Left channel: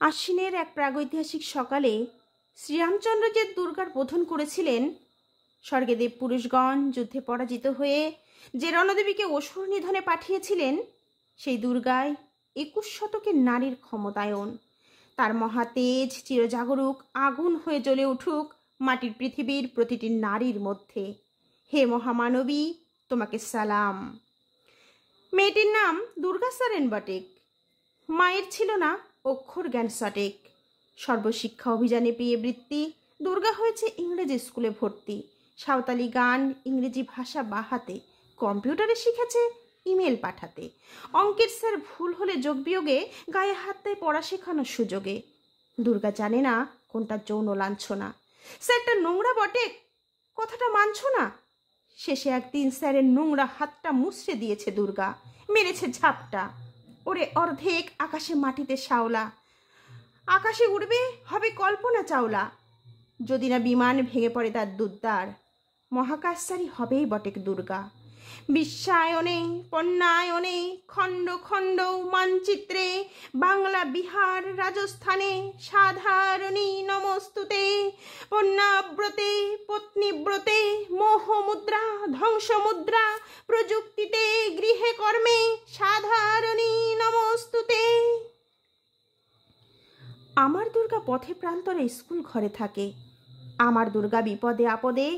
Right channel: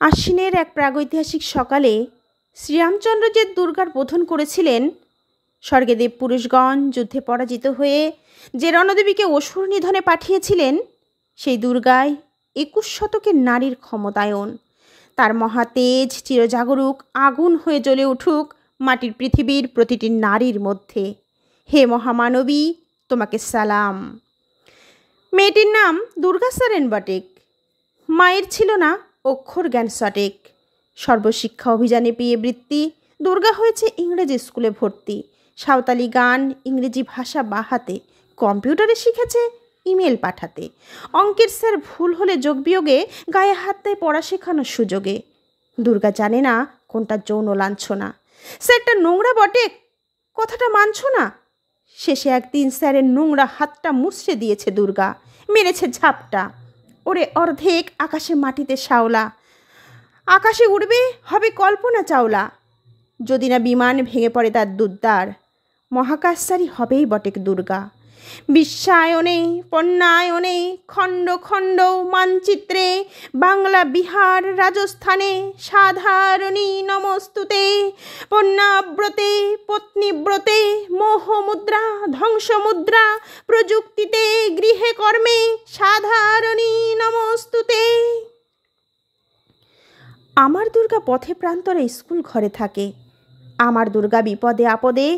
আশ্বিনের এক প্রাগৈতিহাসিক সকালে শ্রীরামচন্দ্র যে দুর্গার বোধন করেছিলেন, স্বর্গে দেব পুরুষগণ যুদ্ধে পরাজিত হয়ে যে রণদেবীকে অসুর নিধনে পাঠিয়েছিলেন, সেই দুর্গায় 21 শতকের নারীর ক্ষমতায়ন। তার মহাতেজ চিরজাগরুক আগুন হয়ে জ্বলে উঠুক মাটির পৃথিবীর প্রতিটি নারীর মধ্যে। হে মহামানবী, তোমাকে সালাম। মেয়েটির নাম দুর্গা সারেন বটেক। মায়ের ছিল না অক্ষর জ্ঞান সটেক। সর্বশিক্ষা অভিযানে পেয়ে বৃত্তি, দুর্গা হয়েছে ইংরেজি স্কুলে ভর্তি। সাঁওতালি গান, ইংরেজি ভাষা বাহাতে, কম্পিউটারে শিখেছে ইমেল পাঠাতে। অঙ্কের স্যার ভুল হলে যোগ বিয়োগে গায়ে হাত দেয় পড়া শেখানোর সুযোগে। দুর্গা জানে না কোনটা যৌন লাঞ্ছনা। স্যারটা নোংরা বটে, কথাটা মানছ না। শেষে একদিন স্যারের নোংরা হাতটা মুছড়ে দিয়েছে দুর্গা, মেরেছে ঝাপটা। ওরে অর্ধেক আকাশে মাটিতে শাওলা, আকাশে উড়বে হবে কল্পনা চাওলা। যদি না বিমান ভেঙে পড়ে তার দুদ্দার, মহাকাশচারী হবেই বটেক দুর্গা। বিশ্বায়নে পণ্যায়নে খণ্ড খণ্ড মানচিত্রে, বাংলা বিহার রাজস্থানে সাধারণী নমস্তুতে। পণ্যাব্রতে পত্নীব্রতে মোহমুদ্রা ধ্বংসমুদ্রা, প্রযুক্তিতে গৃহে কর্মে সাধারণী নমস্তুতে। আমার দুর্গা পথে প্রান্তরে স্কুল ঘরে থাকে। আমার দুর্গা বিপদে আপদে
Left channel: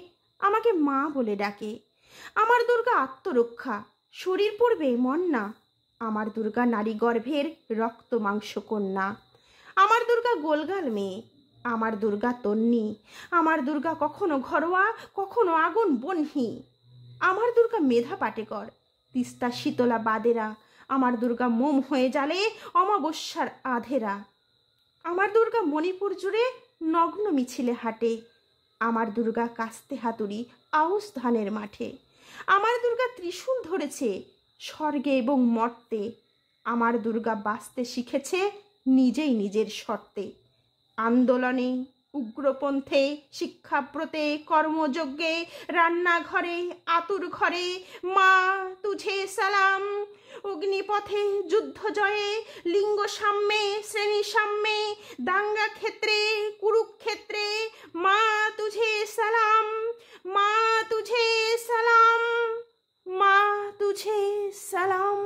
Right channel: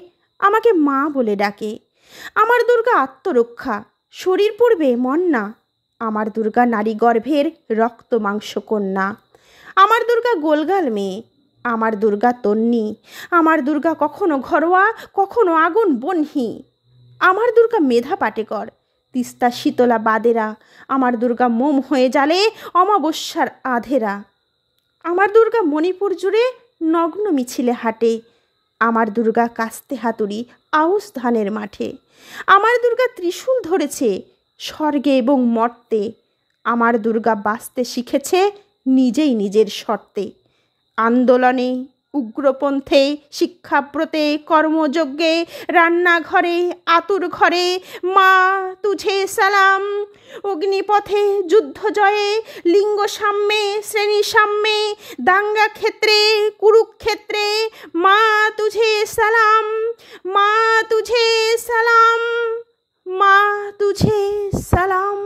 আমাকে মা বলে ডাকে। আমার দুর্গা আত্মরক্ষা, শরীর পড়বে মন না। আমার দুর্গা নারী গর্ভের রক্ত মাংস কন্যা। আমার দুর্গা গোলগাল মেয়ে, আমার দুর্গা তন্নি। আমার দুর্গা কখনো ঘরোয়া, কখনো আগুন বহ্নি। আমার দুর্গা মেধা পাটেকর, তিস্তা শীতলা বাদেরা। আমার দুর্গা মোম হয়ে জ্বালে অমাবস্যার আধেরা। আমার দুর্গা মণিপুর জুড়ে নগ্ন মিছিলে হাঁটে। আমার দুর্গা কাস্তে হাতুড়ি আউশ ধানের মাঠে। আমার দুর্গা ত্রিশূল ধরেছে স্বর্গে এবং মর্তে। আমার দুর্গা বাঁচতে শিখেছে নিজেই নিজের শর্তে। আন্দোলনে, উগ্রপন্থে, শিক্ষাব্রতে, কর্মযজ্ঞে, রান্নাঘরে, আতুর ঘরে মা তুঝে সালাম। অগ্নিপথে, যুদ্ধ জয়ে, লিঙ্গ সাম্যে, শ্রেণী সাম্যে, দাঙ্গা ক্ষেত্রে, কুরুক্ষেত্রে মা তুঝে সালাম। মা তুঝে সালাম, মা তুঝে সালাম।